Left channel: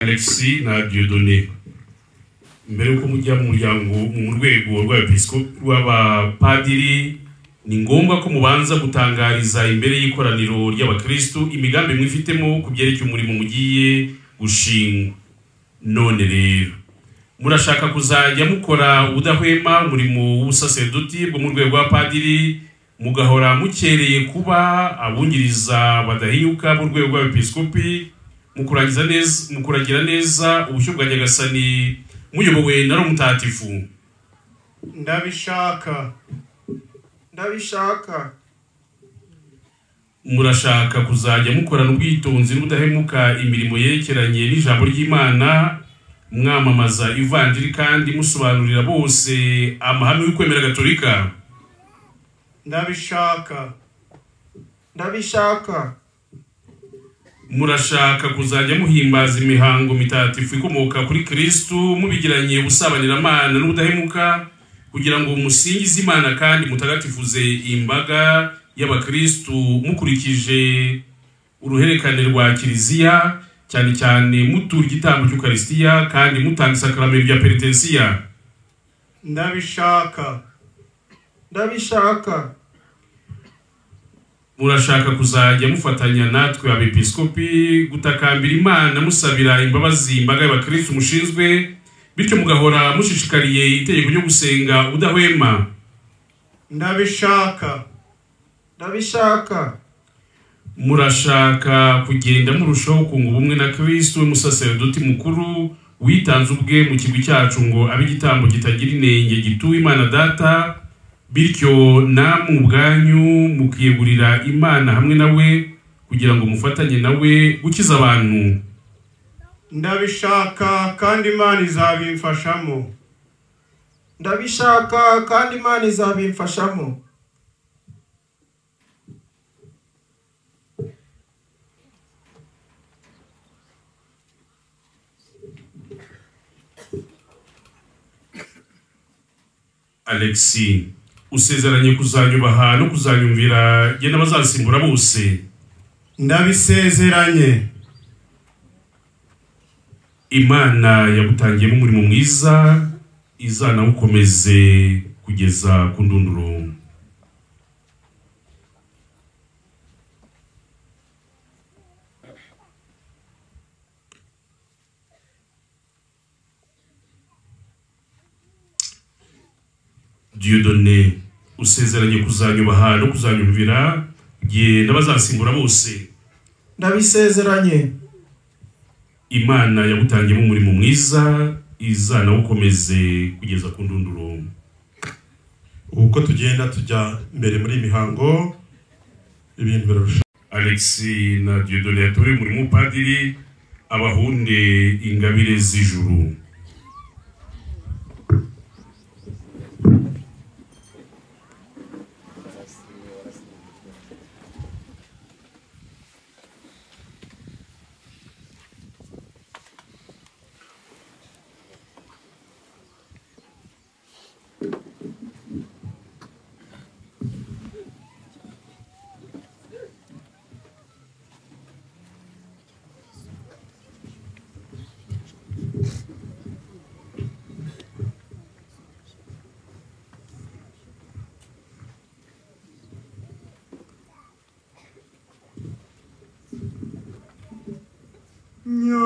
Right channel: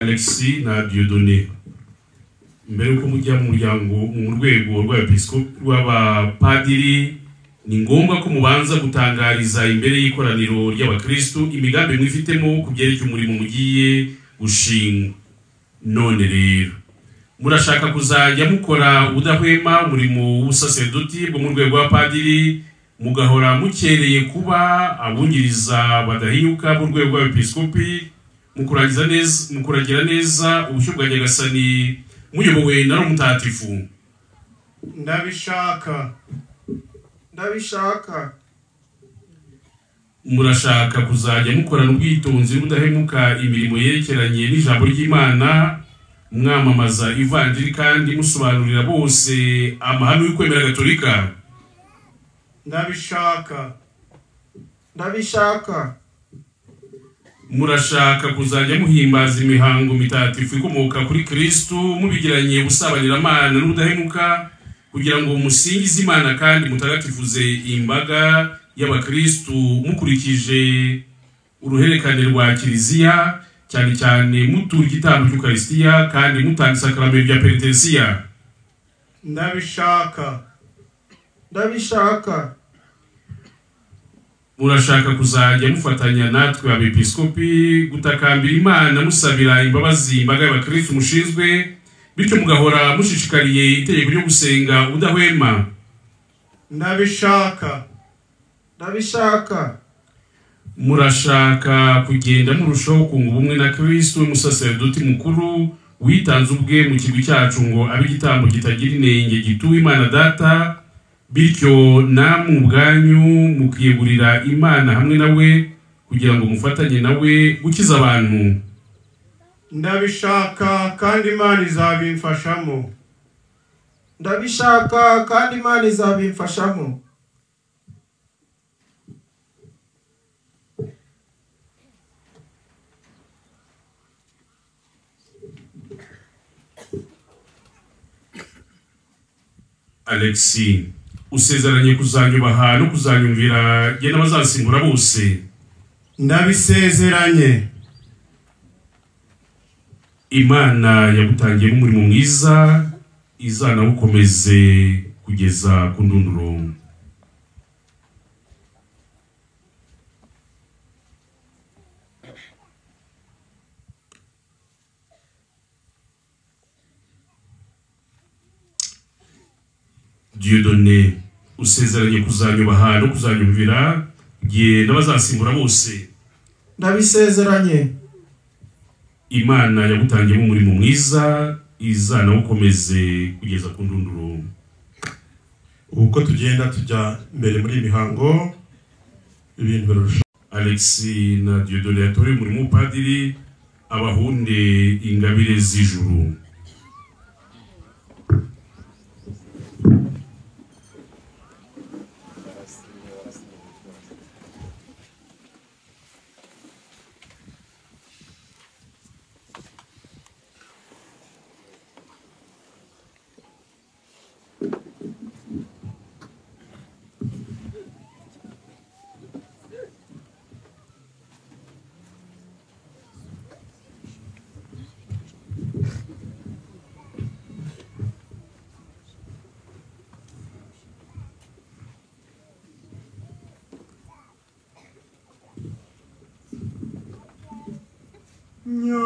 Alexis na Dieudonné mbere yuko mujya mu muryango mu rwego rw'abepiskopi rw'abapadiri ni ngombwa ko mubanza gutangariza imbere y'ikoraniro ry'abakristo imigambi mwifitemo kubyerekeye umurimo mugiye gushinga. None rero murashaka kuzajya mukora udahwema umurimo w'ubusaserdoti bwo mu rwego rw'abapadiri, mugahora mukereye kuba abungiriza badahinyuka mu rwego rw'abepiskopi, mukuragira neza ubushyo bwa Nyagasani muyobowe na Roho Mutagatifu. Ndabishaka. Murashaka kuzajya mukorana ubwitonzi n'ubudahemuka imirimo yerekeranye n'ijambo ry'Imana, mwamamaza ivanjiri kandi musobanurira bose amahame y'ukwemera Gatolika. Ndabishaka. Murashaka kuzajya muhimbaza imihango mitagatifu ikomoka kuri Kristo mubigiranye ubusabanyiramana n'ubudahemuka, kugira ngo musingize Imana kandi mutagatifuze imbaga y'abakristo mukurikije uruherekane rwa Kiliziya, cyane cyane mutura igitambo cy'Ukaristiya kandi mutanga isakaramentu rya Penitensiya. Ndabishaka. Murashaka kuzajya mufatanya natwe abepiskopi gutakambira Imana musabira imbabazi imbaga y'abakristo mushinzwe, bityo mugahora mushishikariye itegeko ryo gusenga udahwema. Ndabishaka. Murashaka kugenda murushaho kunga ubumwe na Kristo umusaserdoti mukuru witanze ubwe mu kigwi cyacu ngo abe igitambo kitagira inenge gituwe Imana Data, bityo namwe ubwanyu mukiyegurira Imana hamwe nawe kugira ngo mufatanye nawe gukiza abantu. Ndabishaka kandi Imana izabimfashamo. Alexis, usezeranye kuzanyubaha no kuzanyumvira ye n'abazasimbura bose. Ndabisezeranye. Imana yagutangiyemo umurimo mwiza izanawukomeze kugeza ku ndunduro. Dieudonné, usezeranye kuzanyubaha no kuzanyumvira ye n'abazasimbura bose. Ndabisezeranye. Imana yagutangiyemo umurimo mwiza izanawukomeze kugeza ku ndunduro. Uko tugenda tujya mbere muri imihango ibintu birusha. Alexis na Dieudonné yatorewe umurimo w'upadiri abahunde ingabire z'ijuru.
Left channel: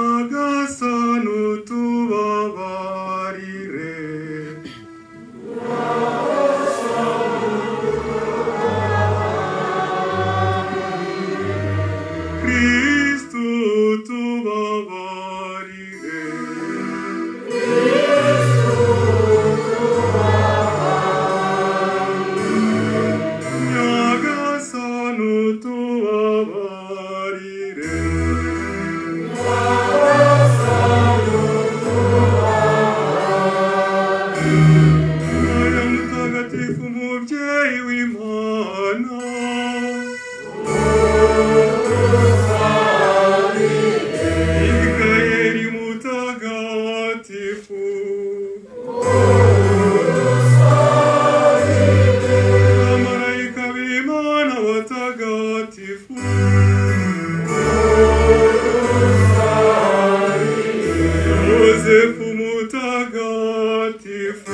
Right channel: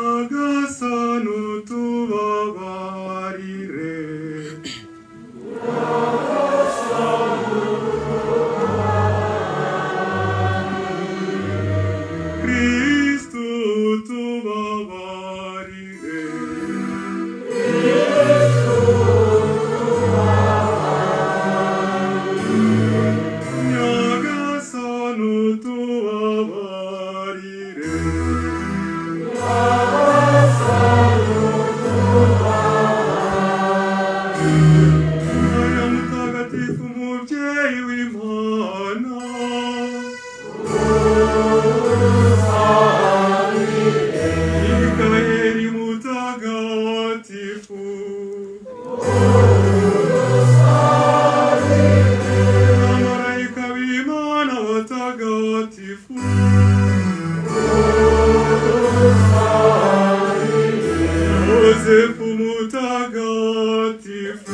Nyagasani tubabarire. Kristo tubabarire. Nyagasani tubabarire. Yosefu mutagatifu,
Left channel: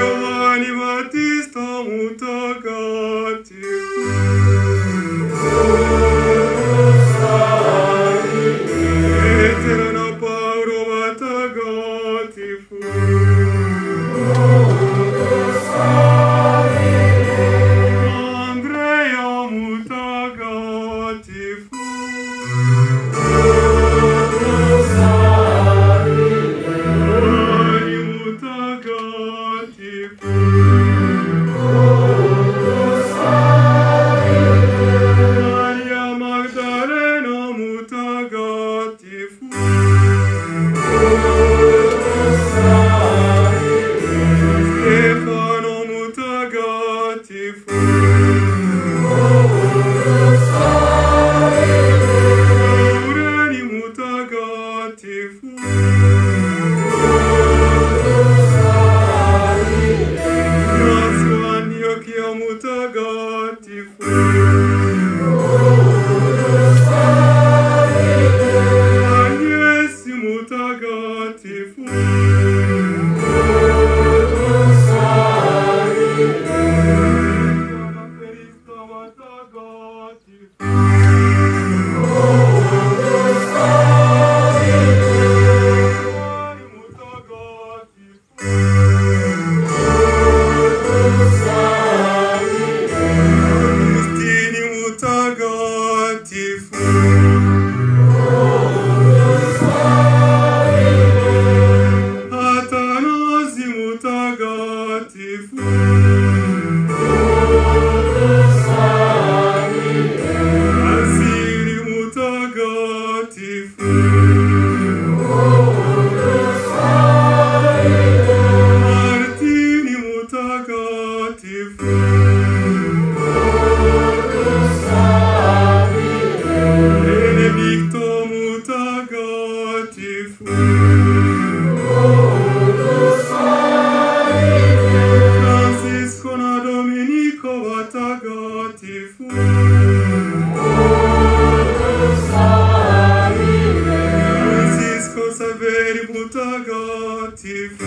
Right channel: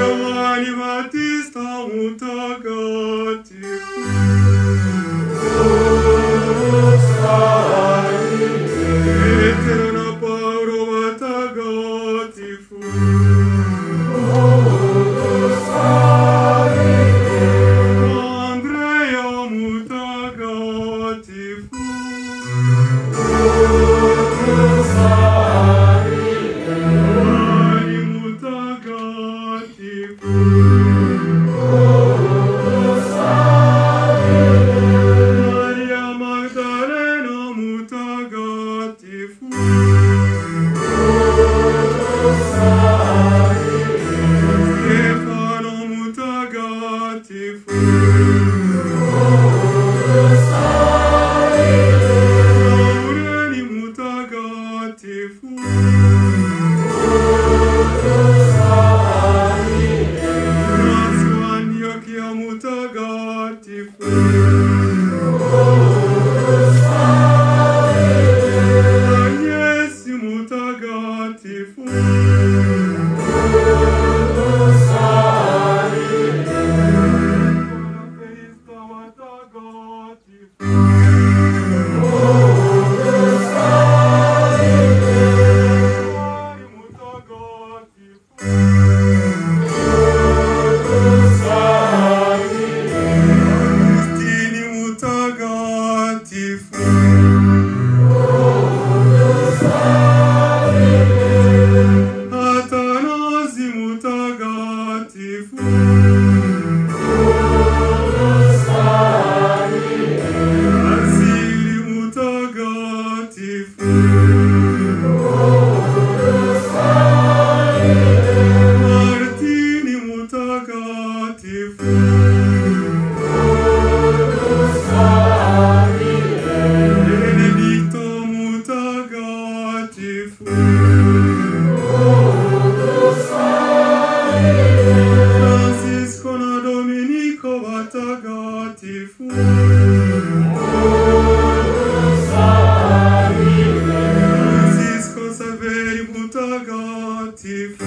Yohani Batista mutagatifu, Petero na Paulo watagatifu, Andrea mutagatifu, Mari mutagatifu, Maria Magdalena mutagatifu, Stefano mutagatifu, Laureni mutagatifu, Massimo Antiochia mutagatifu, Agnesi mutagatifu, Buona Felista mutagatifu, Mari mutagatifu, Agustini mutagatifu, Atanasi mutagatifu, Asili mutagatifu, Martini mutagatifu, Benedicto mutagatifu, Francisco na Domenico watagatifu, Francisco Saveri mutagatifu,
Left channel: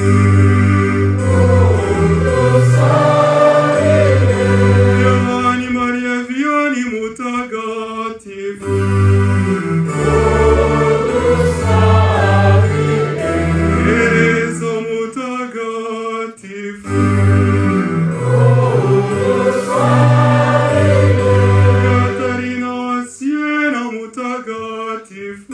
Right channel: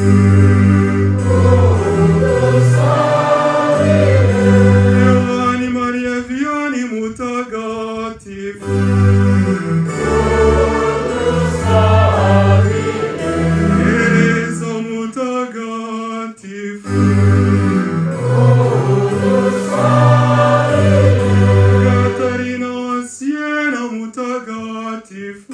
Giovanni Maria Vianney mutagatifu, Ereso mutagatifu, Caterina Siena mutagatifu,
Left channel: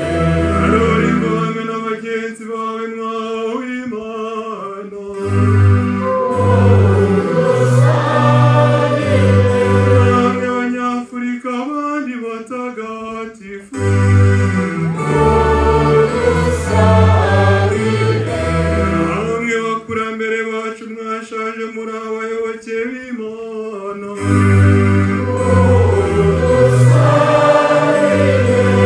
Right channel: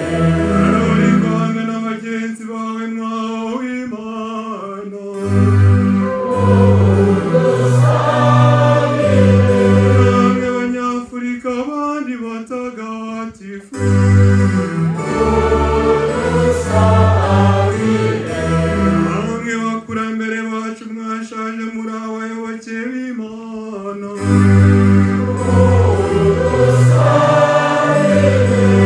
Arorico amena bagenzi bawe mwawe Imana, namwe Abanyafurika abandi batagatifu, namwe bakurambere bacu mwashaje muri abayoboke b'Imana,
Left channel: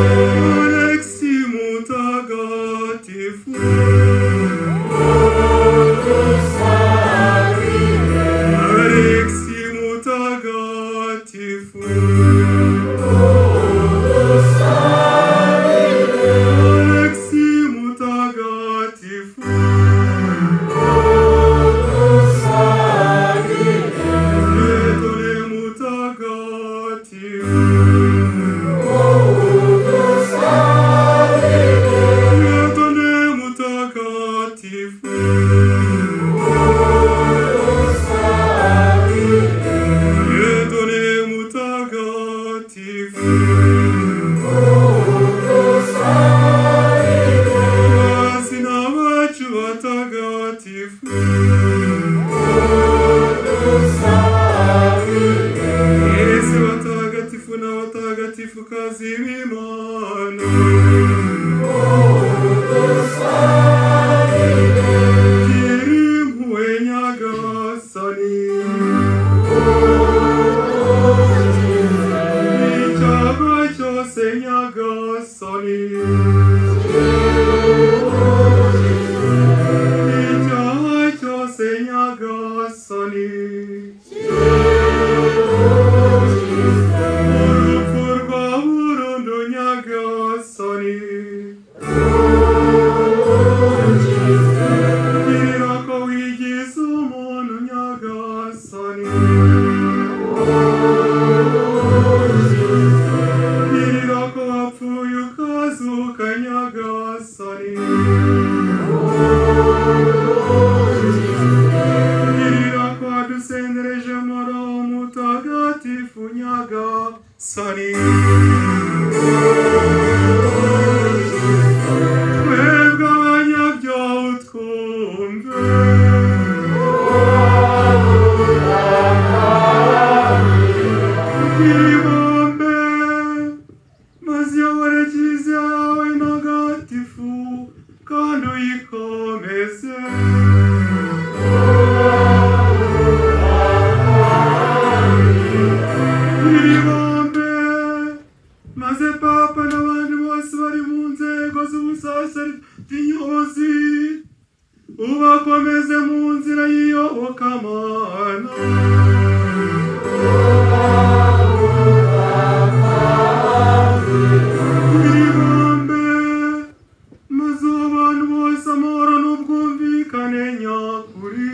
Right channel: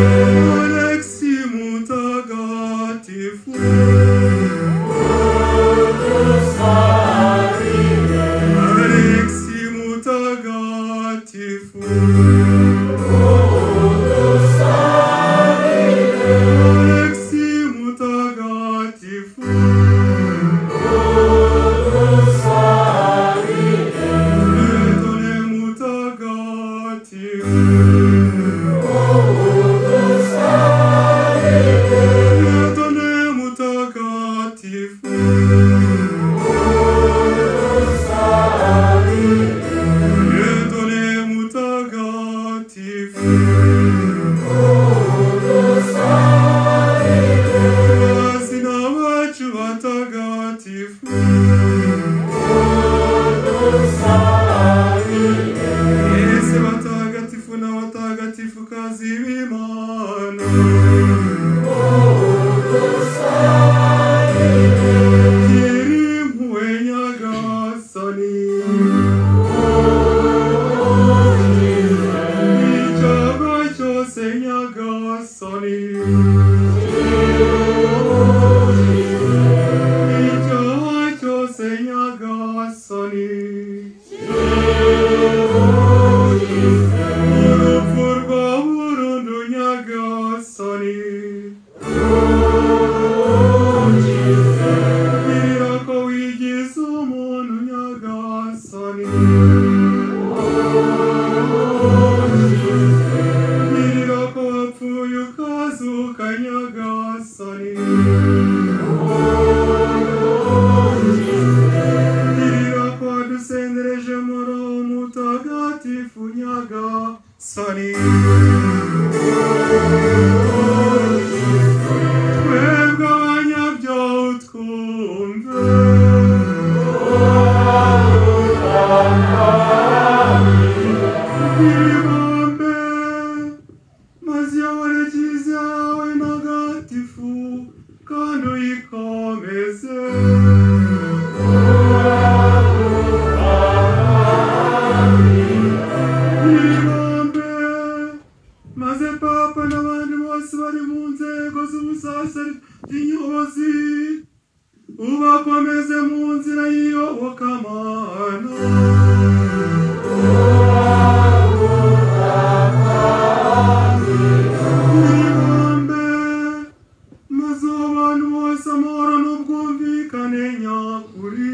Alexi mutagatifu, Alexi mutagatifu, Alexi mutagatifu, Petone mutagatifu, Girira ko wapfuye ukazuka nyagasani. Girira ko wadusendereje muri umutagatifu nyagasani. Twebwe abanyabyaha utwumve. Ibambe maze uyobore kiliziya yawe ntagatifu kandi uyikomeze. Ibambe maze papa n'abandi bose bari mu nzego z'ubusaserdoti nyobozi ubakomeze mu nzira y'iyobokamana. Ibambe maze abantu bose amahoro n'ubwumvikane nyakuri.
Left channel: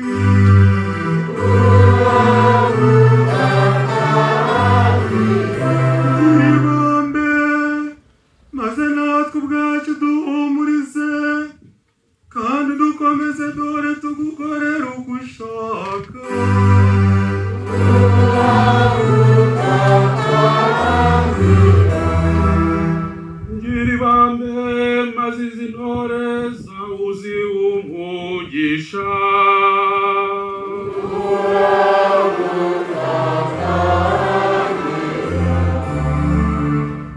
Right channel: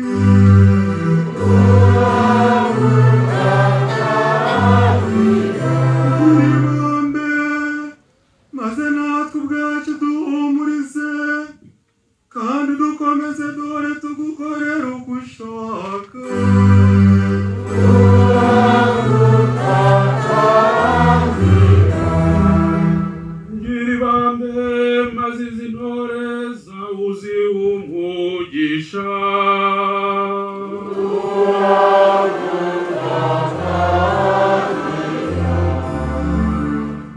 Ibambe maze natwe ubwacu duhumurize kandi dukomeze dore tugukorera uko ushaka. Ngira ibambe maze izi ntore zawe uzihe umugisha.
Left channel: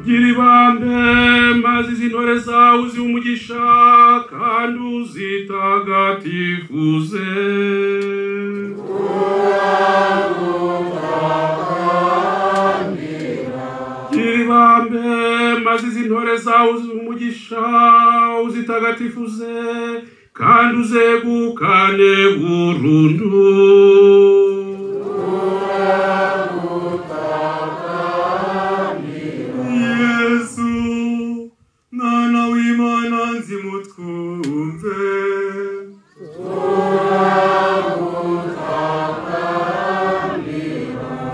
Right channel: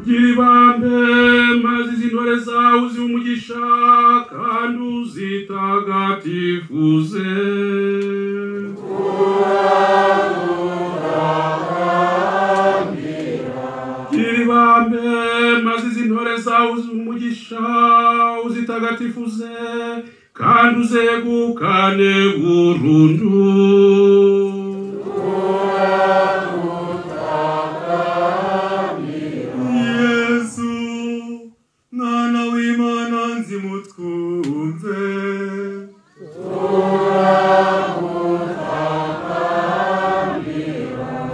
Ngira ibambe maze izi ntore zawe uzihe umugisha kandi uzitagatifuze. Ngira ibambe maze izi ntore zawe uzihe umugisha uzitagatifuze kandi uzegukane burundu. Yesu mwana w'Imana nzimutwumve.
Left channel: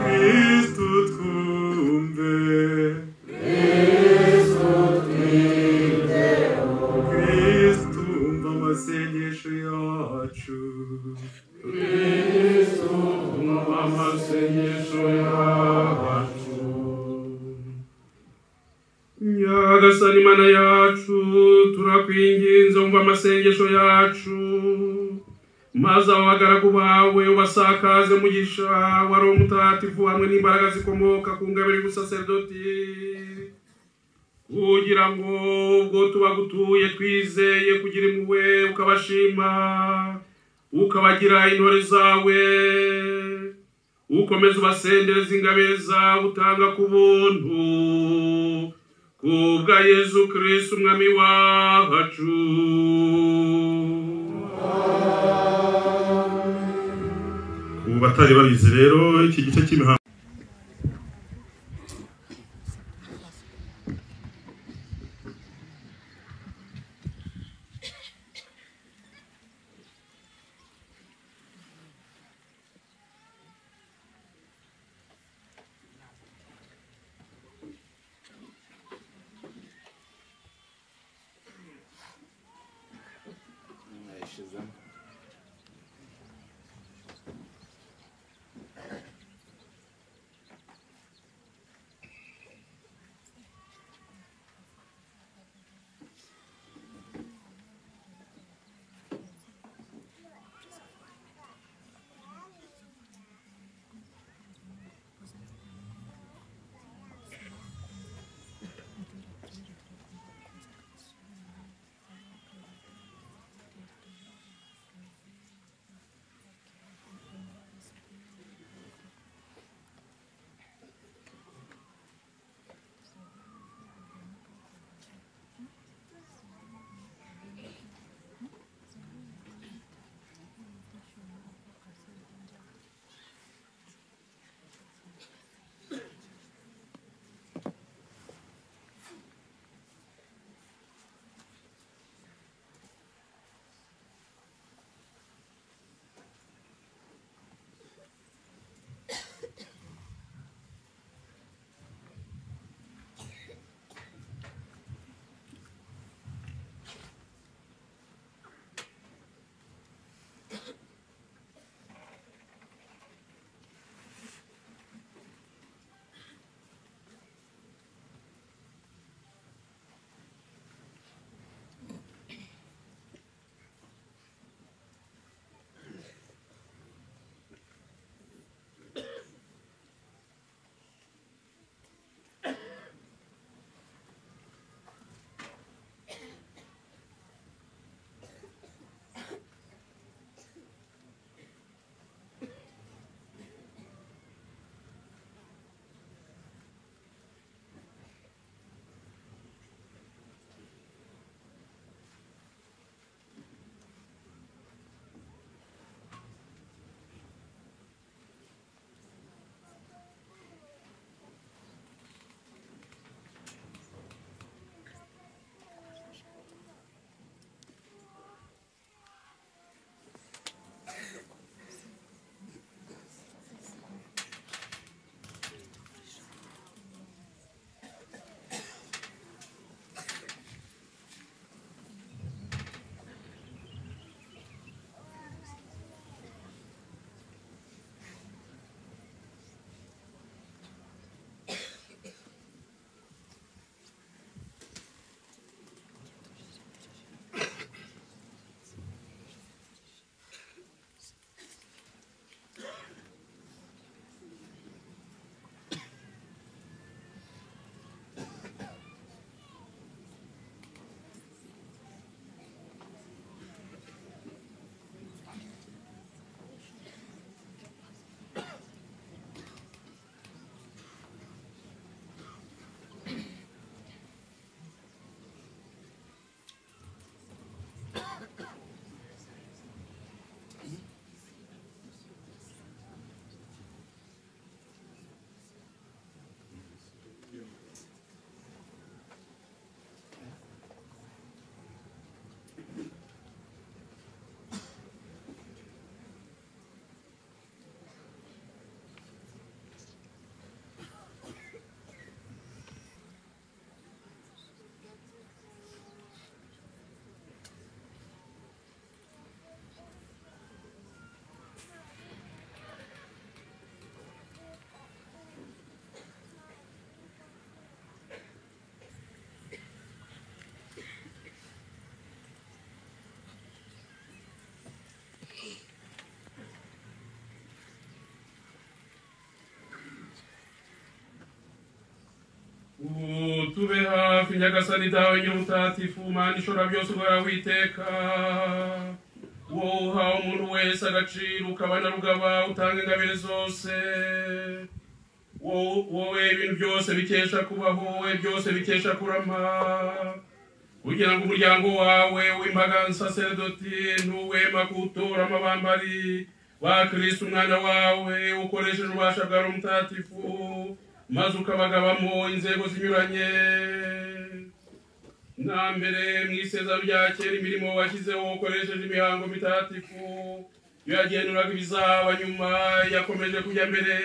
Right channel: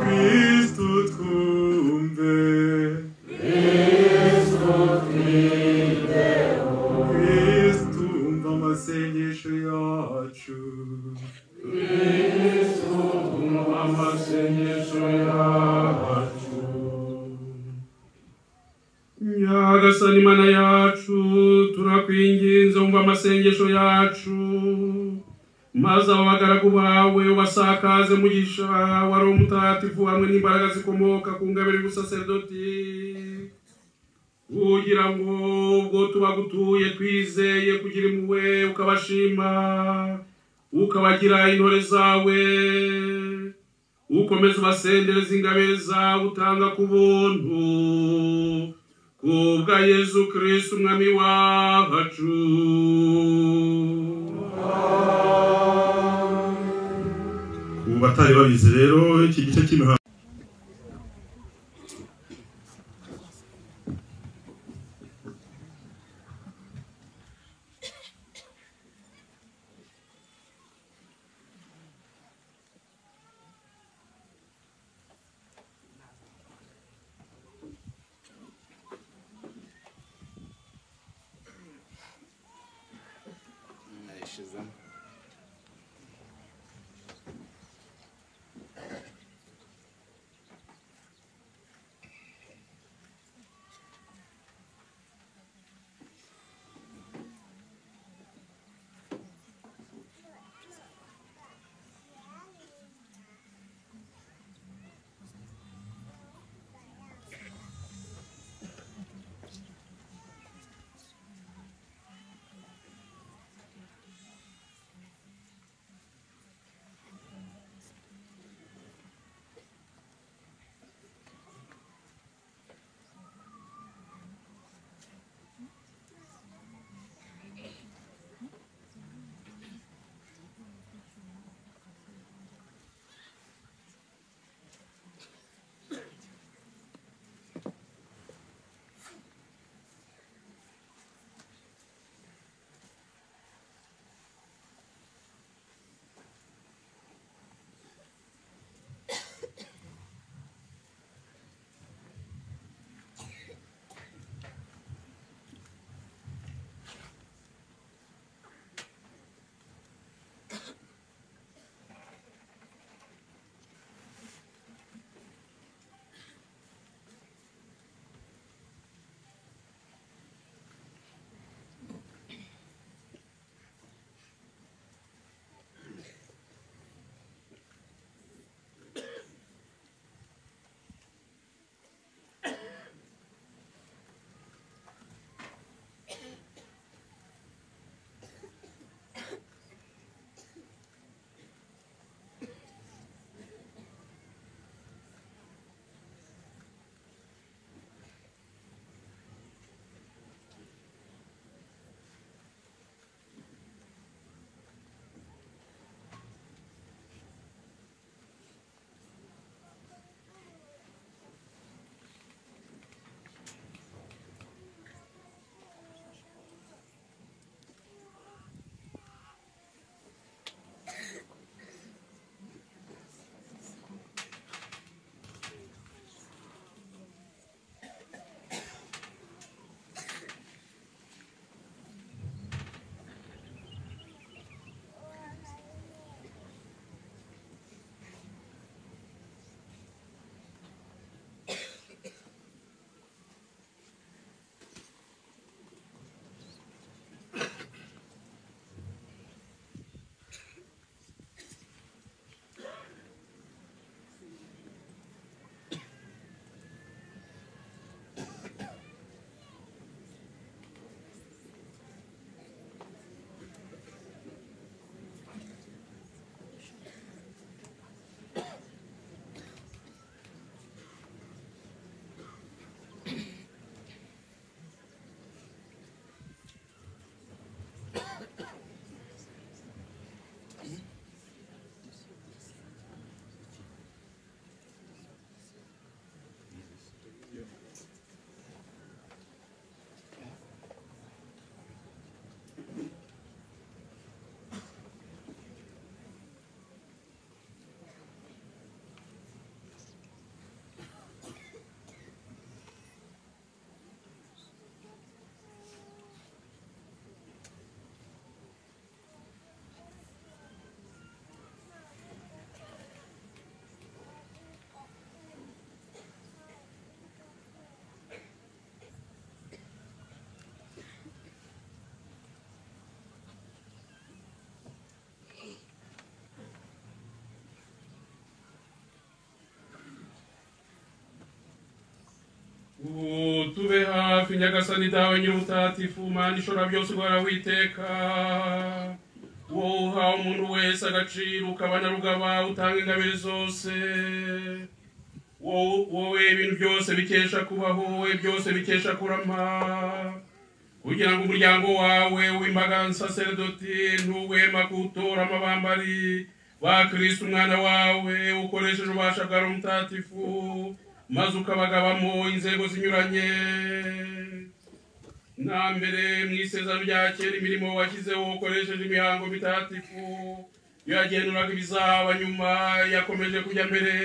Kristu twumve. Kristu umva amasengesho yacu. Kristu umva amasengesho yacu. Nyagasani Mana yacu turakwinginze umva amasengesho yacu maze abagaragu bawe ubasakaze mugisha wa Roho Mutagatifu hamwe n'imbaraga zikomoka ku ngabire y'ubusaserdoti kugira ngo ubwo tubagutuye twizeye kugira impuhwe ukabashima ukabagira intore zawe ukomeza ubasendereza ingabire zawe utanga ku buntu kubwa Yesu Kristo umwami wacu. Ku batari babizi rero iki gice cy'imihango nyagasani dawe nyir'ubutatifu mana ishobora byose ugahora witeka wowe uha umuntu wese agaciro ukabana rugaba utanga ingabire zose wowe ibintu byose bikesha kubaho wowe byose bikesha kurama kugira ngo umuryango wawe w'imbaga nsaserdoti ntuwema kuwutora amabambari wa Kristo umwana wawe ukoresheje ububasha bwa Roho Mutagatifu maze ukabagabamo inzego zinyuranye na mbere mu isezerano rya kera imirimo washyizeho ukoresheje imihango mitagatifu yagenuraga ibizaba nyuma yakomeje kujya mbere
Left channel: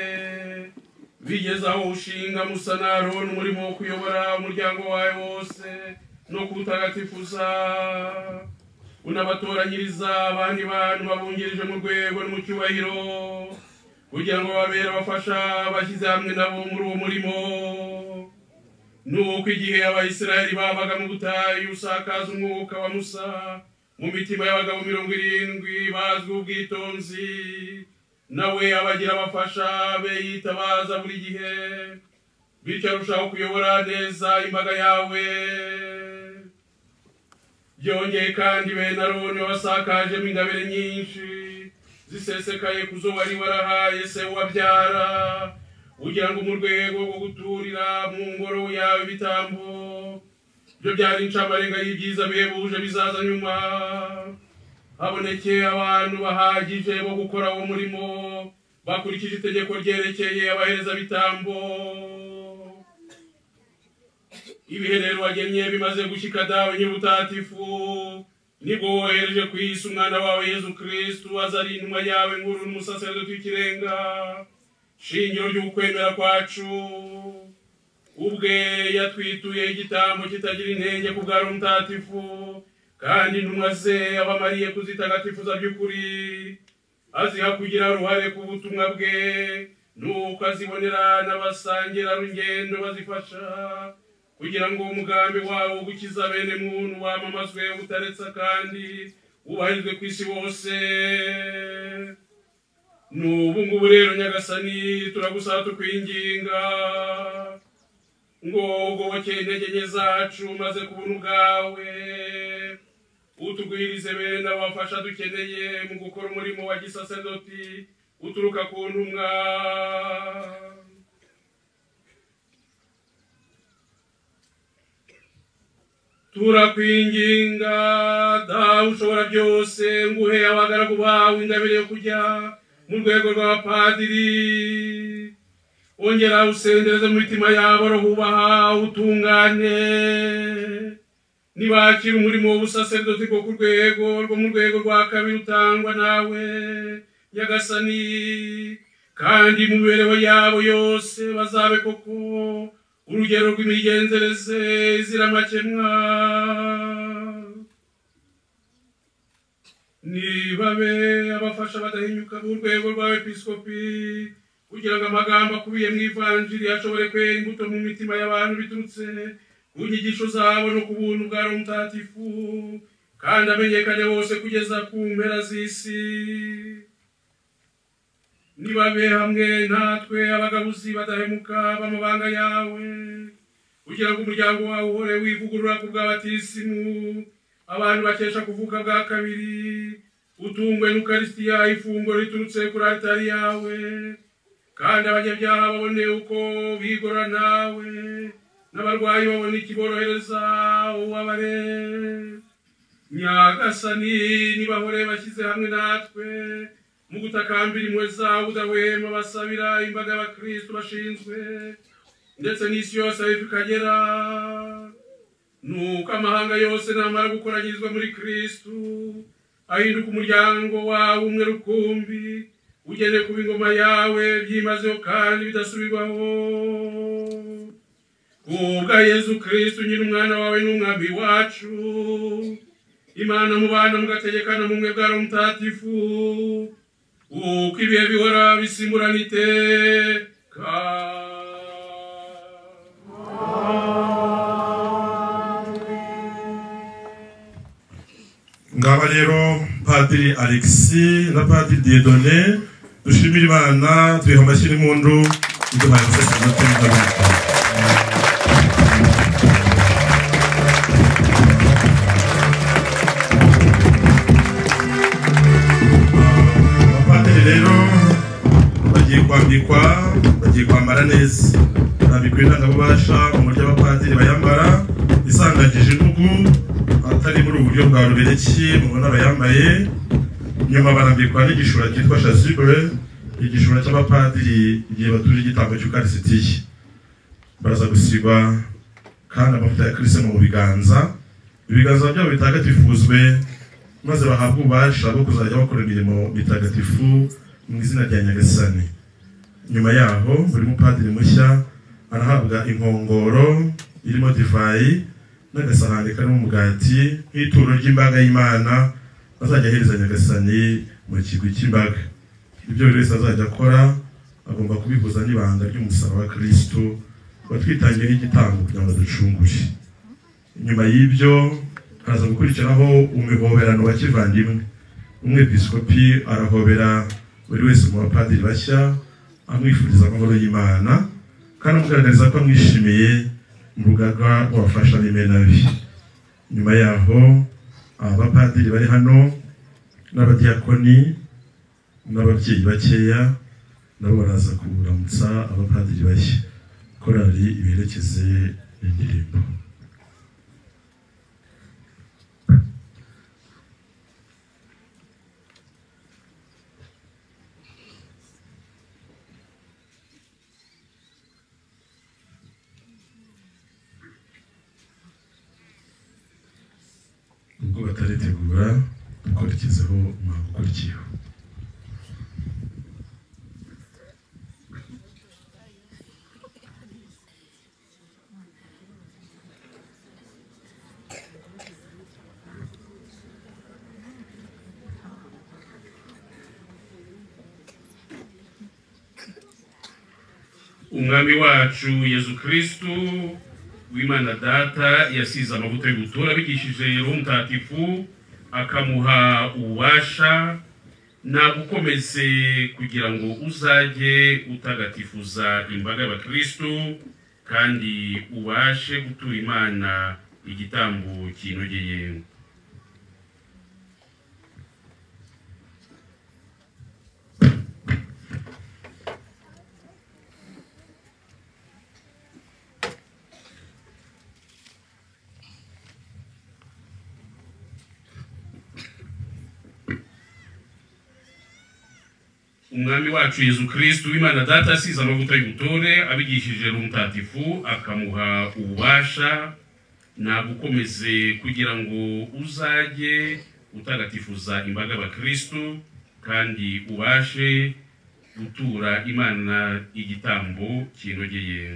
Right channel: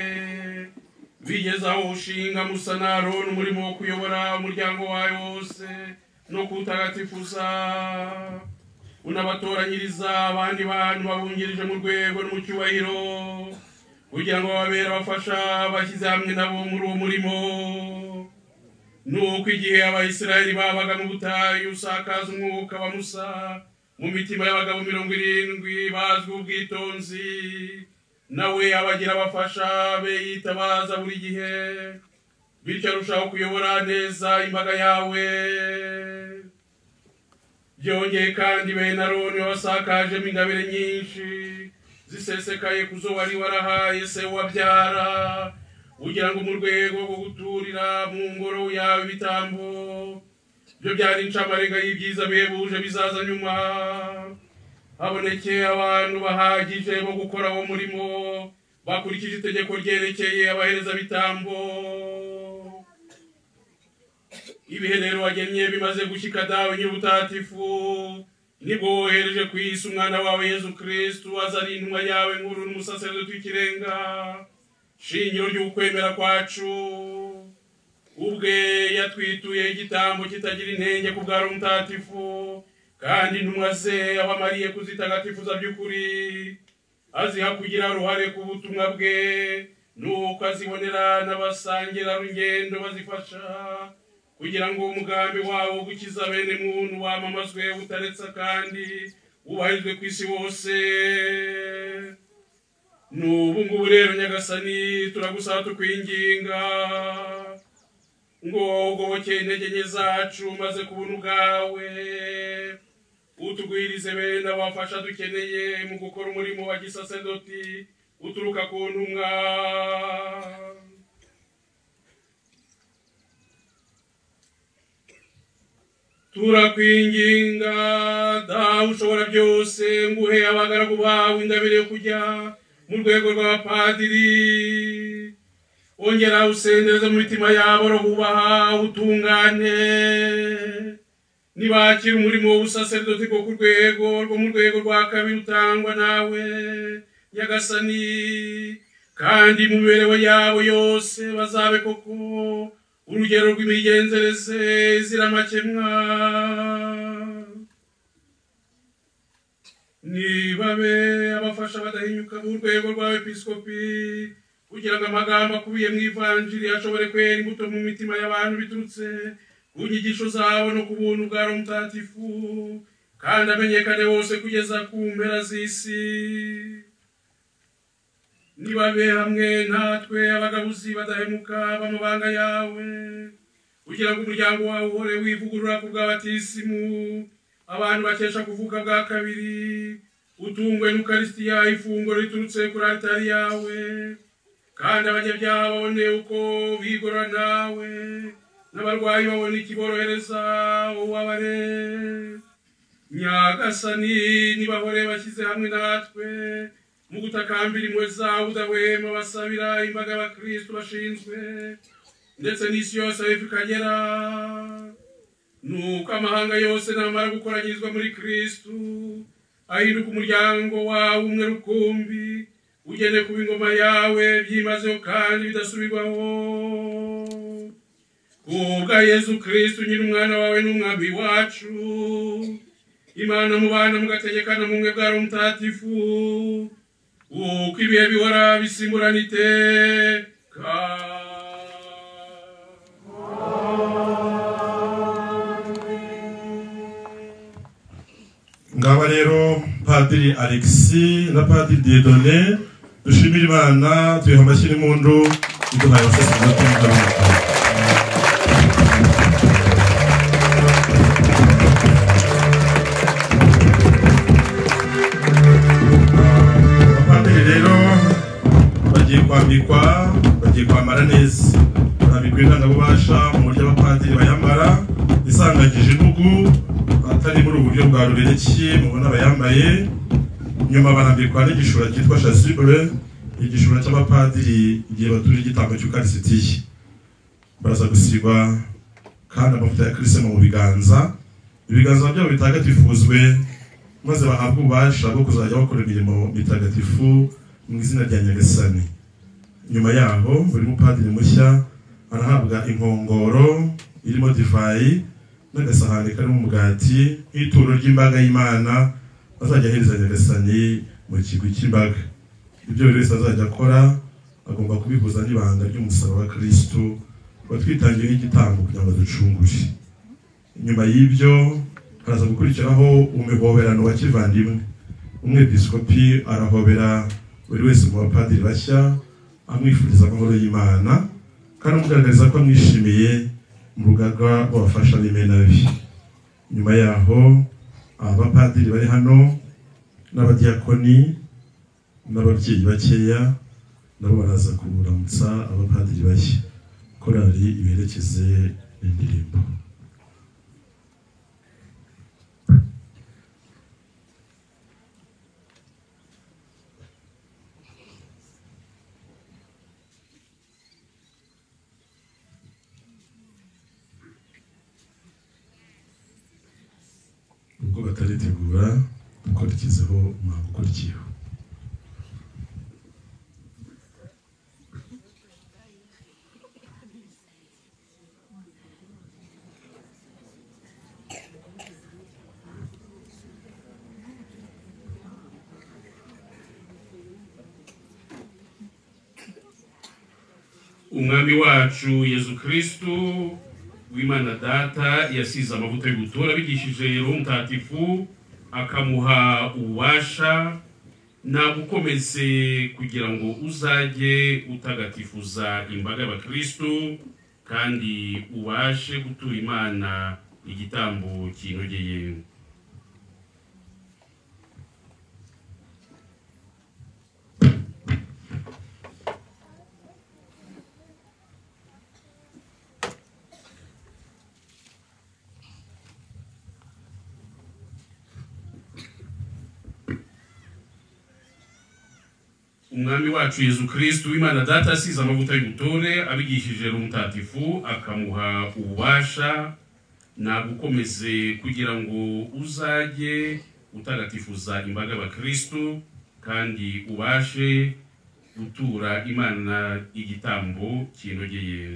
bigeze aho ushinga musanaro n'umurimo wo kuyobora umuryango wawe wose no kuwutagatifuza unabatoranyiriza abandi bantu babungirije mu rwego no mu cyubahiro kugira ngo babere abafasha bashyize hamwe nabo muri uwo murimo nuko igihe abayisiraheli babaga mu butayu usakaza umwuka wa Musa mu mitima y'abagabo 70 bazwi ubwitonzi nawe abagira abafasha be yitabaza buri gihe bityo arushaho kuyobora neza imbaga yawe byongeye kandi bene Aroni wasakajemo ingabire nyinshi zisesekaye kuzo wari warahaye se wabyara ugira ngo mu rwego rwo guturira mu ngoro yawe ibitambo byo byari incamarenga y'ibyiza bihebuje bizaza nyuma habonekeye abantu bahagije bo gukora uwo murimo bakurikije itegeko ryerekeye abahereza bitambo ibihe rero wagennye bimaze gushyika dawe nyir'ubutagatifu nibwo wohereje ku isi umwana wawe Yezu Kristo azari intumwa yawe nkuru n'umusaserdoti w'ikirenga shingiro ry'ukwemera kwacu ubwe yatwituye igitambo kitagira intenge ku bwa Roho Mutagatifu kandi intumwa ze abamariye kuzitagatifuza by'ukuri aziha kugira uruhare ku butumwa bwe nuko azibonera n'abasangira rugendo bazifasha kugira ngo umugambi wawe gukiza bene muntu wamamazwe utaretsa kandi ubahirizwe ku isi wose n'ubu ngubu rero nyagasani turagusaba tukwinginga ngo ugoboke intege nke zacu maze ku buntu bwawe utugwirize bene abafasha dukeneye mu gukora umurimo wa gisaserdoti uturuka ku ntumwa turakwinginga dawe ushobora byose nguhe abagaragu bawe ingabire yo kujya mu rwego rw'abapadiri ongera usendereze mu mitima yabo rohubaha utungane nibakira umurimo w'ubusaserdoti bwo ku rwego rwo mu rwego rwa kabiri utangwa nawe nyagasani kandi mu mibereho yabo yose bazabe koko urugero rw'imigenzereze izira amakemwa nibabe abafasha badahinyuka mu rwego rw'abepiskopi kugira ngo amagambo akubiye mu ivanjiri ashobore kwera imbuto mu mitima y'abantu biturutse ku nyigisho zabo no ku buntu bwa Roho Mutagatifu kandi amenyekane wose kugeza ku mpera z'isi nibabe hamwe natwe abagabuzi badahemuka b'amabanga yawe kugira ngo umuryango wawe uhore wivugurura ku bw'abatisimu abantu bakesha kuvuka bwa kabiri utungwe n'Ukaristiya ifunguro riturutse kuri altari yawe kandi abanyabyaha babone uko bigorora nawe n'abarwayi babone ikiborohereza ubabare nyagasani nibahore bashyize hamwe natwe mu gutakambira impuhwe zawe udahwema basabira imbaga y'abakristo bashinzwe ndetse n'isi yose aho ikagera nuko amahanga yose namara gukoranyirizwa muri Kristo ahinduka umuryango wawe umwe rukumbi ugene kuba ingoma yawe byimazeho kandi bidasubirwaho kubwa Yezu Kristo nyir'umwana wawe n'umwami wacu Imana mubana mugategekana mu mwe bwa Roho Mutagatifu uko ibihe bihora bisimburana iteka ngaba rero Padiri Alexis na Padiri Dieudonné dushimira Imana twiha amashyi n'impundu iduhaye abasaserdoti n'abandi barambikwa bagiye kwambara neza, barambikwa indangabubasha mu buryo abapadiri bayambara isangagije imbugu atari muri uburyo bwa rubereki mubona bayambaye. Nyuma barambikwa n'igishura cyitwa chasuble, igishura cy'abapadiri igihe batura igitambo cy'ukarisitiya. Baraza gusigwa kandi amavuta ya Kristo mu biganza, ibiganza byabo bitagatifuzwe, maze bahabwa ububasha bwo kuzajya bakora imirimo mitagatifu mu izina rya Nyagasani. Nyuma yaho buri mupadiri mushya arahabwa inkongoro irimo divayi n'agasahani karimo umugati nk'ituro ry'imbaga y'Imana azajya ahereza Nyagasani mu kigo cy'imbaga. Ibyo buri wese azajya akora agomba kubihuza n'ibanga ry'umusaraba wa Kristo watwitangiye nk'igitambo kugira ngo ducungure. Nyuma y'ibyo haza gukurikiraho umuhoberano wa kivandimwe. Umwepiskopi arahobera buri wese mu bapadiri bashya amwifuriza amahoro y'Imana kandi amugaragariza ko amwishimiye mu rugaga rw'abafasha b'Imenabi. Nyuma yaho abapadiri bari hano n'abadiyakoni n'ababyeyi bakeya nabo baraza kuramutsa abapadiri bashya. Korali iberekeze indirimbo. Ubwo bataritegura dukurikizeho umuhango ukurikiyeho. Umwami wacu Yesu Kristo w'Imana Data yasize amavuta y'ubutura abigishije Roho Mutagatifu akamuha ububasha nagukomeze kugira ngo uzajye utagatifuza imbaga y'Abakristo kandi ubashe gutura Imana igitambo kinogeye. Umwami wacu Yesu Kristo w'Imana Data yasize amavuta y'ubutore abigishije Roho Mutagatifu akamuha ububasha nagukomeze kugira ngo uzajye utagatifuza imbaga y'Abakristo kandi ubashe gutura Imana igitambo kinogeye.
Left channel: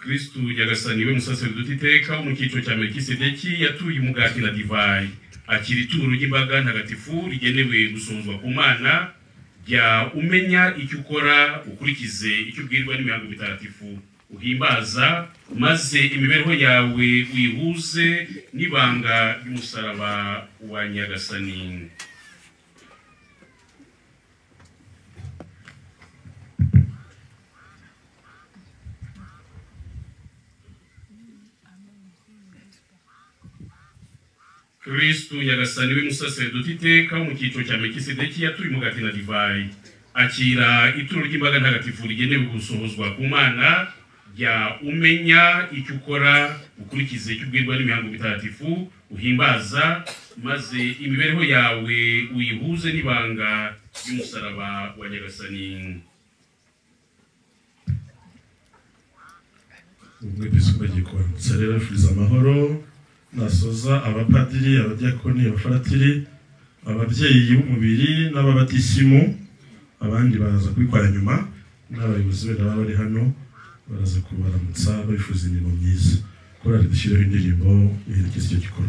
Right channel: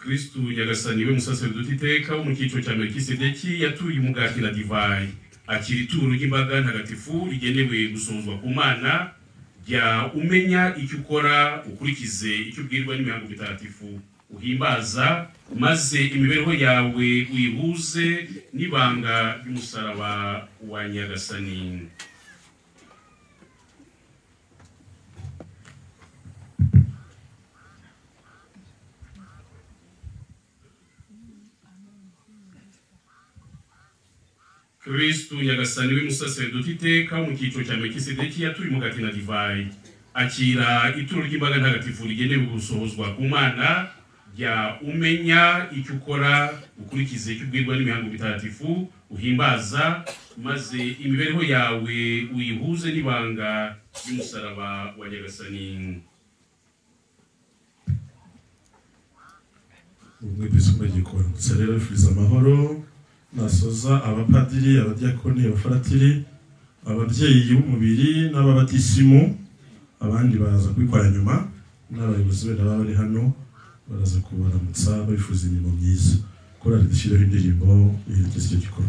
Kristo Nyagasani we musaseridoti iteka wo mu cyiciro cya Melkisedeki yatuye umugati na divayi akira ituro ry'imbaga ntagatifu rigenewe gusozwa ku Mana. Jya umenya icyo ukora ukurikize icyo ubwirwa n'imihango mitagatifu uhimbaza, maze imibereho yawe uyihuze n'ibanga ry'umusaraba wa Nyagasani. Kristo Nyagasani we musaseridoti iteka wo mu cyiciro cya Melkisedeki yatuye umugati na divayi akira ituro ry'imbaga ntagatifu rigenewe gusohozwa ku Mana. Jya umenya icyo ukora ukurikize icyo ubwirwa n'imihango mitagatifu uhimbaza, maze imibereho yawe uyihuze n'ibanga ry'umusaraba wa Nyagasani. Umwepiskopi agiye kubaramutsa rero yifuriza amahoro nasoza abapadiri, abadiyakoni, abafaratiri, ababyeyi b'umubiri n'ababatisimu. Abandi baraza kubikora nyuma n'abayobozi benda baba bari hano baraza kubaramutsa bifuza imirimo myiza. Korali dushyireho indirimbo iherekeza icyo gikorwa.